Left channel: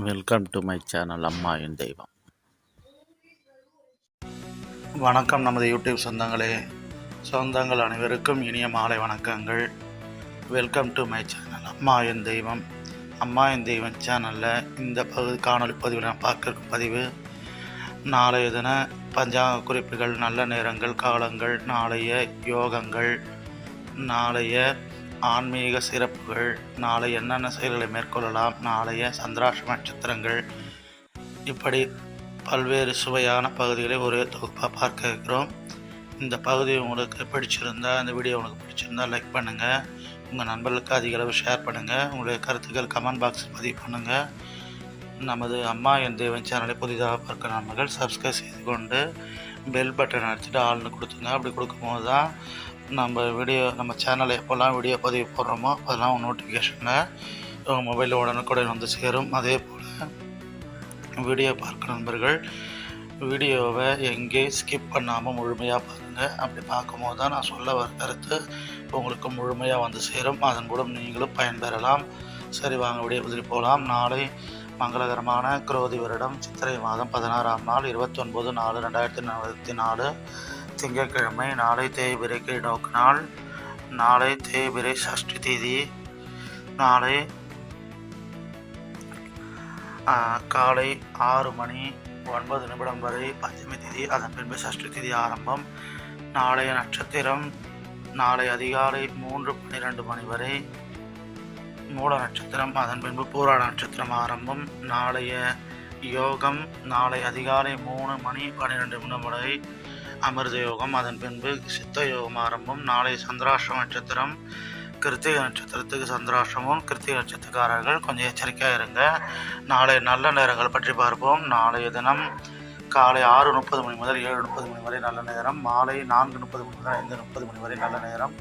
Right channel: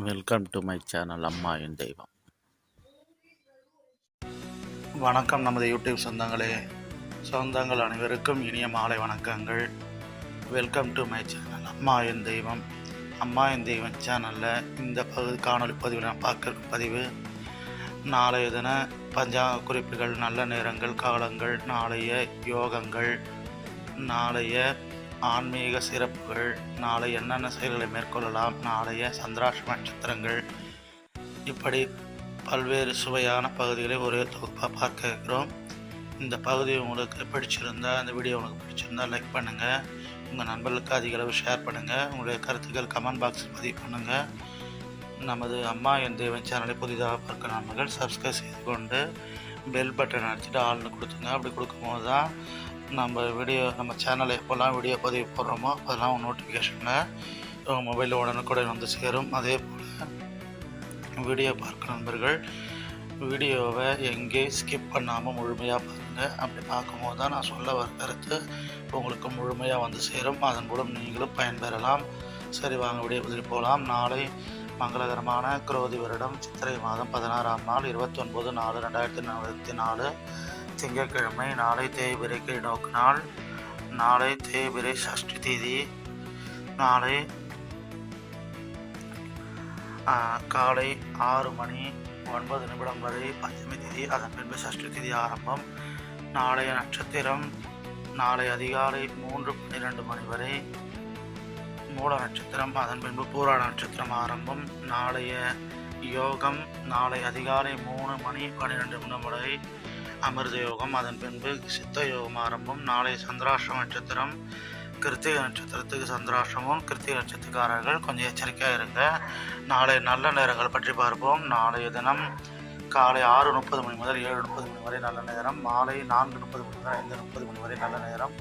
Welcome to my channel அம்மா என் தெய்வம். வணக்கம் நமது யூடியூப் சொந்தங்கள் அனைவருக்கும் இனிய மாலை வணக்கங்கள். வெல்கம் டு மை சேனல் அம்மா என் தெய்வம். அம்மா என் தெய்வம் சேனலில் இந்த காணொலி பதிவு நான் பார்க்க பதிவு நாளைய தின பஞ்சாங்க குறிப்புகள், நல்ல நேரங்கள், காலங்கள், நாளைய யோகங்கள், நாளைய ஆன்மீக சிறப்புகள், நாளை என்னென்ன செயல்களை மேற்கொள்ளலாம், நாளைய சந்திராஷ்டம நட்சத்திரங்கள், இப்படி பல்வேறு சுவையான பகுதிகளை ஒரு தொகுப்பாக பார்க்க இருக்கிறோம். இந்த பகுதி உங்களுக்கு பிடிச்சிருந்தால், இந்த வீடியோ உங்களுக்கு பிடிச்சிருந்தால் லைக் பண்ணுங்கள், உங்கள் நண்பர்களுக்கு அதிக அளவு ஷேர் பண்ணுங்கள், உங்களுடைய கருத்துக்கள் கமெண்ட் பாக்ஸில் பதிவு பண்ணுங்கள். நமது அம்மா என் தெய்வம் சேனலை புதிதாக பார்க்க நண்பர்கள் சப்ஸ்கிரைப் செய்து கொண்டு பெல் பட்டன் அடிச்சுட்டு ஆள்னு கொடுத்துங்க. அப்படி கொடுக்கும்போது தான் நம்ம சேனலில் எப்போல்லாம் வீடியோ பதிவு போடுறோமோ அதெல்லாம் நோட்டிஃபிகேஷனில் மொபைலில் உடனுக்குடன் வந்து சேரும். அதே போல் வீடியோ பார்க்குற நண்பர்கள் வீடியோவை எங்கே ஸ்கிப் பண்ணாமல் முழுமையாக பாருங்கள். அப்படி பார்க்கும்போது தான் நான் சொல்ல வர கருத்து உங்களுக்கு முழுமையாக வந்து சேரும். அதன் மூலம் நீங்களும் பயன்பெறலாம். சரி, வாங்க வீடியோ பதிவு போகலாம். நாளை மங்களகரமான குரோதி வருடம் சித்திரை மாதம் 16ஆம் நாள் 29/4/2024 திங்கட்கிழமை. நாளை தேய்பிரை கீழ்நோக்கு நாள். நாளை தேய்பிரை சஷ்டி தேதி. நாளை காலை 6:09 வரை பஞ்சமி தேதி. அதன் பின்பு சஷ்டி தேதி ஆரம்பம். நாளைய நட்சத்திரம் நாளை அதிகாலை 3:12 வரை மூல நட்சத்திரம். அதன் பின்பு பூராட நட்சத்திரம் ஆரம்பம். நாளைய யோகம் நாளை அதிகாலை 3:12 வரை அமிர்த யோகம். அதன் பின்பு சித்த யோகம் ஆரம்பம். நாளை சந்திராஷ்டம நட்சத்திரம். கிருத்திகை நட்சத்திரத்துக்கு சந்திராஷ்டமம். கிருத்திகை நட்சத்திரக்காரர்கள் கொஞ்சம் எச்சரிக்கையாக இருங்க. நாளை நல்ல நேரங்கள் பற்றி பார்ப்போம். நாளைய தினம் காலை 6:30 முதல் 7:30 வரை நல்ல நேரம். மாலை 4:30 முதல் 5:30 வரை நல்ல நேரம்.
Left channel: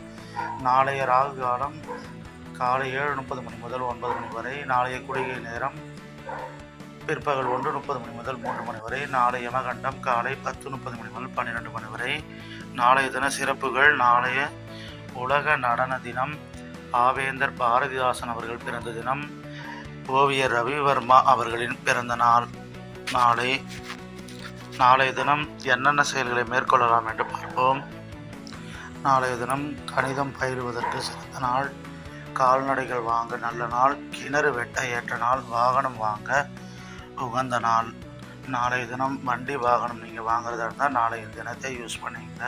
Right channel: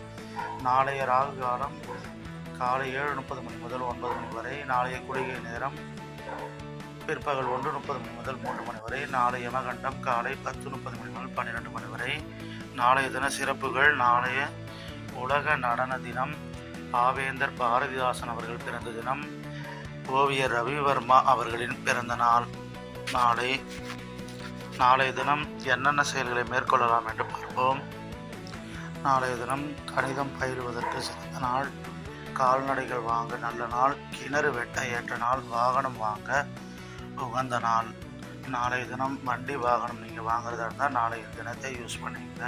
நாளைய ராகு காலம் காலை 7:30 முதல் 9 வரை. நாளைய குளிகை நேரம் பிற்பகல் 1:30 முதல் 3 வரை. நாளைய யமகண்டம் காலை 10:30 முதல் 12 வரை. நாளைய தின சிறப்புகள். நாளைய உலக நடன தினம். பாவேந்தர் பாரதிதாசன் அவர்கள் பிறந்த தினம். ஓவியர் ரவிவர்மா அவர்களின் பிறந்த நாள். நாளைய தினம் என்னென்ன செயல்களை மேற்கொள்ளலாம் என்று பார்ப்போம். நாளைய தினம் கணிதம் பயிலுவதற்கு சிறந்த நாள். கால்நடைகள் வாங்க நல்ல நாள். கிணறு வெட்ட ஏற்ற நாள். வாகனம் வாங்க உகந்த நாள். நாளைய தினம் வண்டி வாகனம் நீங்கள் வாங்குறதா இருந்தால் நாளைய தினத்தை யூஸ் பண்ணிங்க.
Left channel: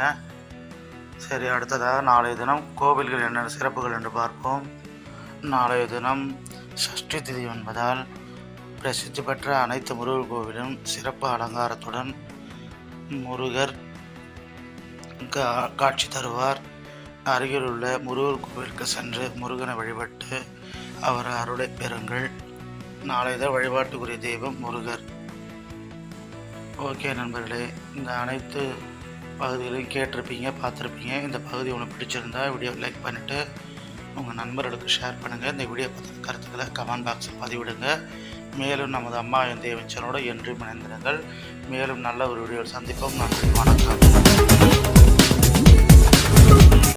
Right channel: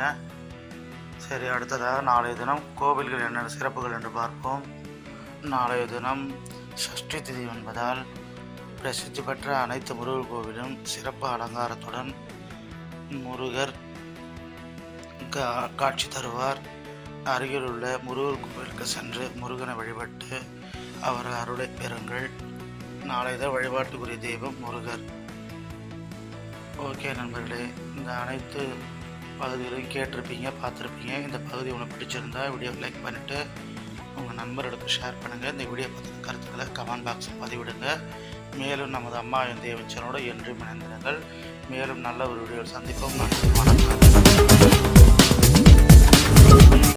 சரி, அடுத்ததாக நாளைய தினம் கோவில்கள் என்னென்ன சிறப்புகள் என்று பார்ப்போம். நாளைய தினம் சஷ்டி திதி என்பதால் பிரசித்தி பெற்ற அனைத்து முருகர் கோவிலும் சிறப்பு அலங்காரத்துடன் முருகர் காட்சி தருவார். அருகில் உள்ள முருகர் கோவிலுக்கு சென்று முருகனை வழிபட்டு அவர் அருளை பெறுங்கள். நாளைய வழிபாட்டுக்குரிய தெய்வம் முருகர். ஓகே நண்பர்களே, இந்த அனைத்து பகுதிகளையும் கேட்டிருப்பீங்க, பார்த்துருப்பீங்க. இந்த பகுதி உங்களுக்கு பிடிச்சிருந்தா வீடியோ லைக் பண்ணிவிட்டு உங்கள் நண்பர்களுக்கு ஷேர் பண்ணுங்கள். இந்த வீடியோ பற்றின கருத்துக்களை கமெண்ட் பாக்ஸில் பதிவிடுங்க. மேலும் நமது அம்மா என் தெய்வம் சேனலோட என்றும் இணைந்திருங்கள். மேலும் நல்ல ஒரு வீடியோ சந்திப்போம். வணக்கம்.